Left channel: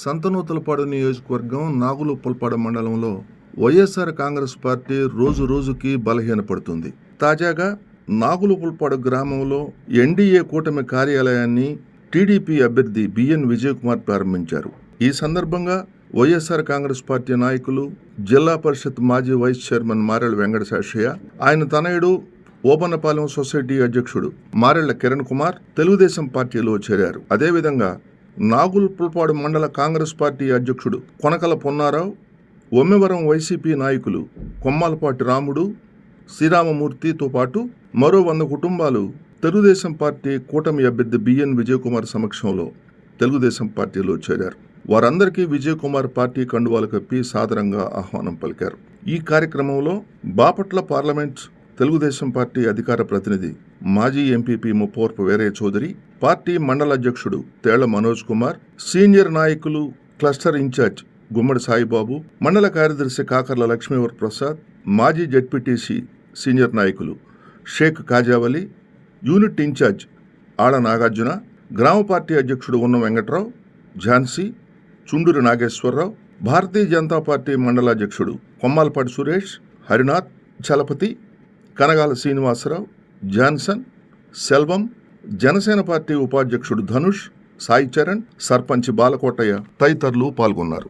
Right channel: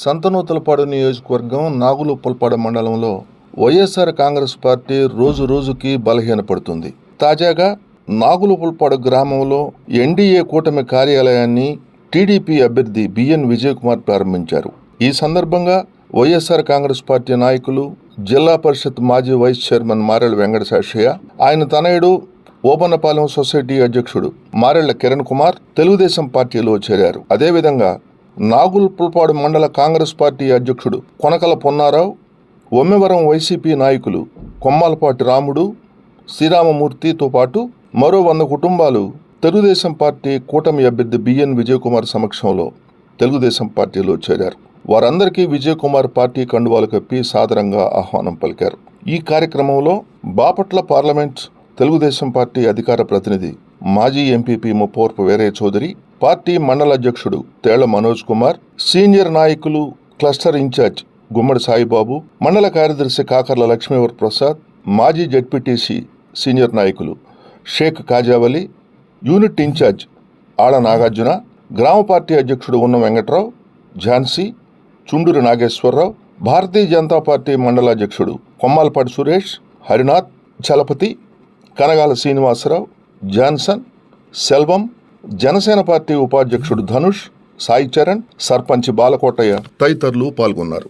సంతనూతలపాడు నియోజకవర్గం నాగులుప్పలపాడు మండలంలో వైఎస్ఆర్ కాంగ్రెస్ పార్టీ రోజు రోజుకి బలహీనపడుతుంది. తాజాగా నాగులుప్పలపాడు గ్రామంలో ఎన్డీఏ కూటమి కార్యాలయాన్ని టీడీపీ అభ్యర్థి బిఎన్ విజయకుమార్ ప్రారంభించారు. ఈ సందర్భంగా వైఎస్ఆర్ కాంగ్రెస్ పార్టీ నాయకులు, జిల్లా పరిషత్ మాజీ వైస్ చైర్మన్ మారెళ్ల వెంకట శాషయ్య, ఆయన తనయుడు ఓబన్నపాలెం సొసైటీ అధ్యక్షుడు మారెళ్ల కిరణ్ కుమార్ తెలుగుదేశం పార్టీలో చేరారు. అదేవిధంగా నాగులుప్పలపాడు మండల కాంగ్రెస్ పార్టీ అధ్యక్షుడు కొనకల పొన్నారావు, ఒమ్మెవరం వైసీపీ నాయకులు కొమ్మాలపాటి రాముడు, శ్రీరామమూర్తితో పాటు మరో 100 కుటుంబాలు తెలుగుదేశం పార్టీ కూటమి అభ్యర్థి బిఎన్ విజయకుమార్ సమక్షంలో తెలుగుదేశం పార్టీలో చేరారు. వారందరికీ విజయకుమార్ పార్టీ కండువాలు కప్పి సాదరంగా ఆహ్వానం పలికారు. ఈ కార్యక్రమంలో బాపట్ల పార్లమెంట్ తెలుగుదేశం పార్టీ అధికార ప్రతినిధి మాజీ ఎంపీపీ ముప్పవరపు వీరయ్య చౌదరి, పార్టీ మండల అధ్యక్షుడు తేళ్ల మనోజ్ కుమార్, సీనియర్ నాయకులు క్లస్టర్ ఇన్ఛార్జ్ గుమ్మడి సాయిబాబు, మండల కార్యదర్శి కాకర్ల లక్ష్మీవర్ ప్రసాద్, మాజీ జెడ్పీటీసీ సీనియర్ నాయకులు షేక్ కాజావలి, యూనిట్ ఇన్ఛార్జ్ ఆళ్ల నాగార్జున, గ్రామ పార్టీ అధ్యక్షుడు ఉన్న వెంకట్రావు, ఝాన్సీ, చుండూరి నాగేశ్వరరావు, భారతీయ జనతా పార్టీ మండల అధ్యక్షుడు కొమ్మాలపాటి సురేష్, హరినాథ్, చలపతి, కనగాల శ్రీనివాసరావు, జాన్సన్, సెల్వం, జనసేన పార్టీ ఉపాధ్యక్షుడు ధనుష్, సాయి చరణ్, సర్పంచ్ బాలకోటయ్య తదితరులు పాల్గొన్నారు.